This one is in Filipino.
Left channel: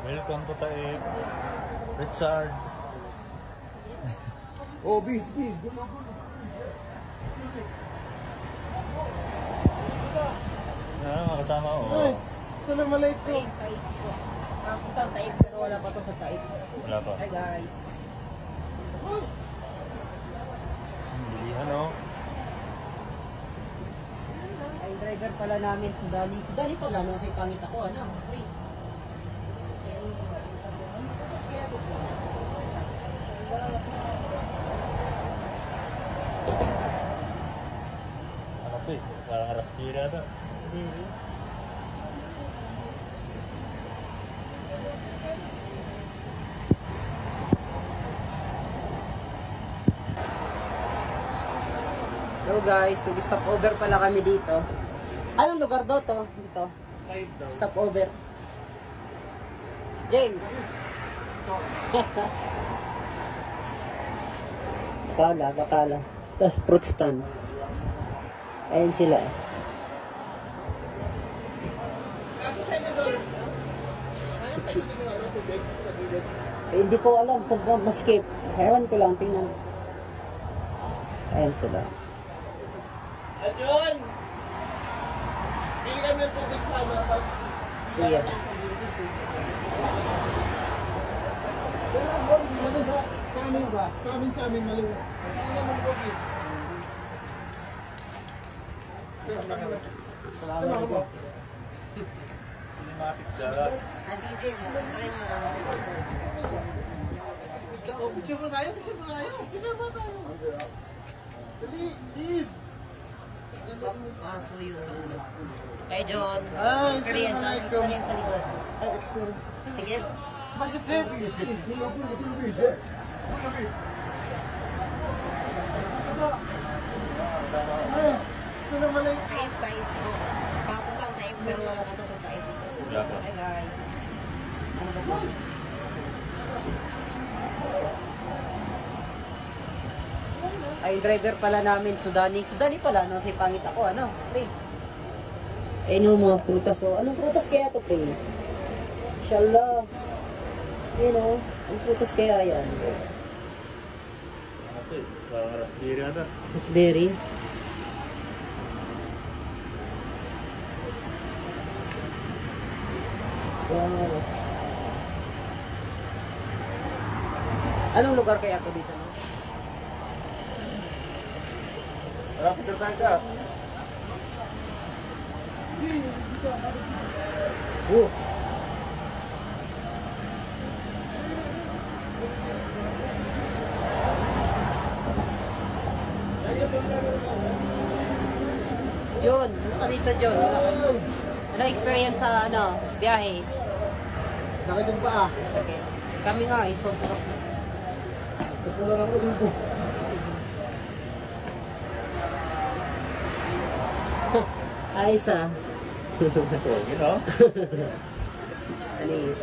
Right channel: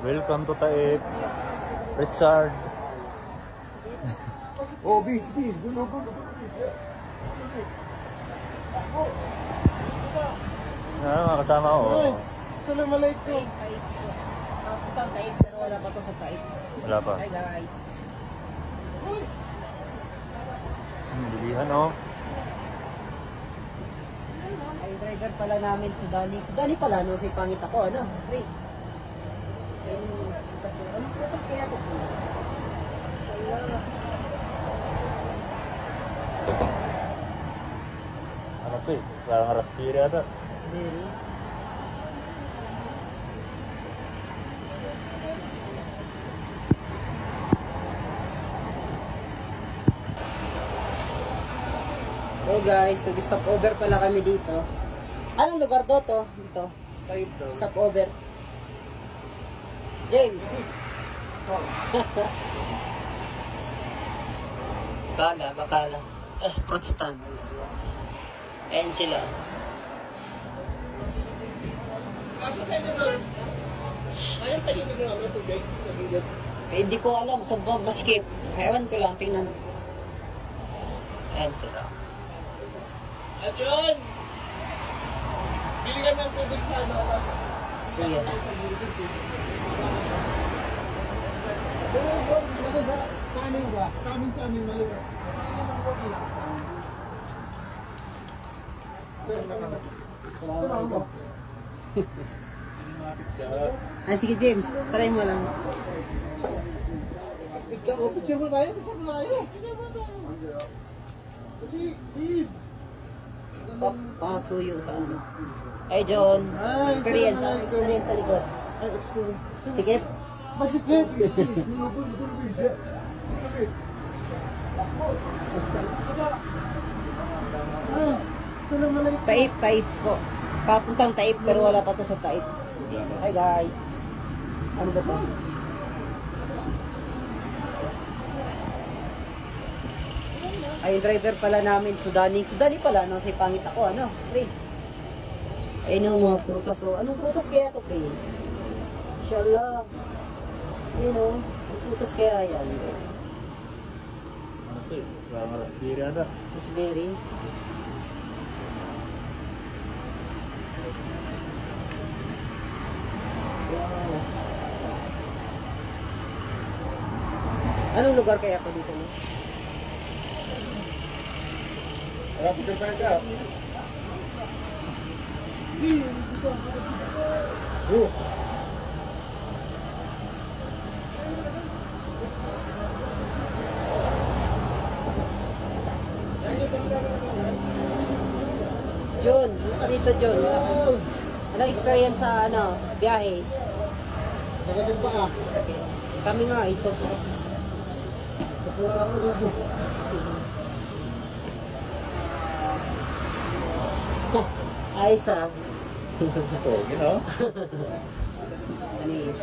Welcome to Taib. Richard. Oh, bis. Gulo. Mga kasama ko. Assalamualaikum. Taib po. Papunta ang Taib pero wala pa to sa Taib. Wala pa. Hi guys. Bilihan oh. Ay driver pala namin, Sudani. Sudani pala, no? Sa ipangit ako, ano? Free. Ano bukas kaya po po? Ano to eh? Parang raspberry ata. Raspberry. Hello guys, nag-stop over pala kami dito. Anong lugar do to? Dito. Stop over. James. Bakala. Tapos fruit stand. Ayan sila. Kasi sa inyo doon. Ayaw sa inyo doon ano, tubig sa gilid. Hindi ko alam. Maskip. Ewan ko lang. Tingnan. Ayan sila. John! Bili kami ng tubig sa ano, tapos... Iya. Sa amin ba? Sa amin maliwan. Salamat. Cinematic dala. Sige James. Try mo lang. Picture mo tayo. Dali, please. Pasuyo sa ano. Hey John. Experience sa likod. Ay, experience. Sige. Masipip. Assalamualaikum. Taib po. Papuntang Taib pero wala pa to sa Taib. Wala pa. Hi guys. Ano ba to? Ay, yung driver pala namin, Sudani. Sudani pala, no? Sa pangit ako, ano? Pre. Eh, no, mga prutas, oh. Anong prutas kaya to, pre? Inshallah. You know, ang prutas kaya yan, guys. Ano to eh? Parang raspberry ata. Raspberry. Anong lugar kaya to dito, no? Tara, picture tayo ka. Oh. John, ano ka dito, John? Ano experience sa ano, biyahe? Sakit yung paa. Sakit. Kami nga, sobrang. Kapula lang ulit. Ayos ah. Oh, you know? Anis.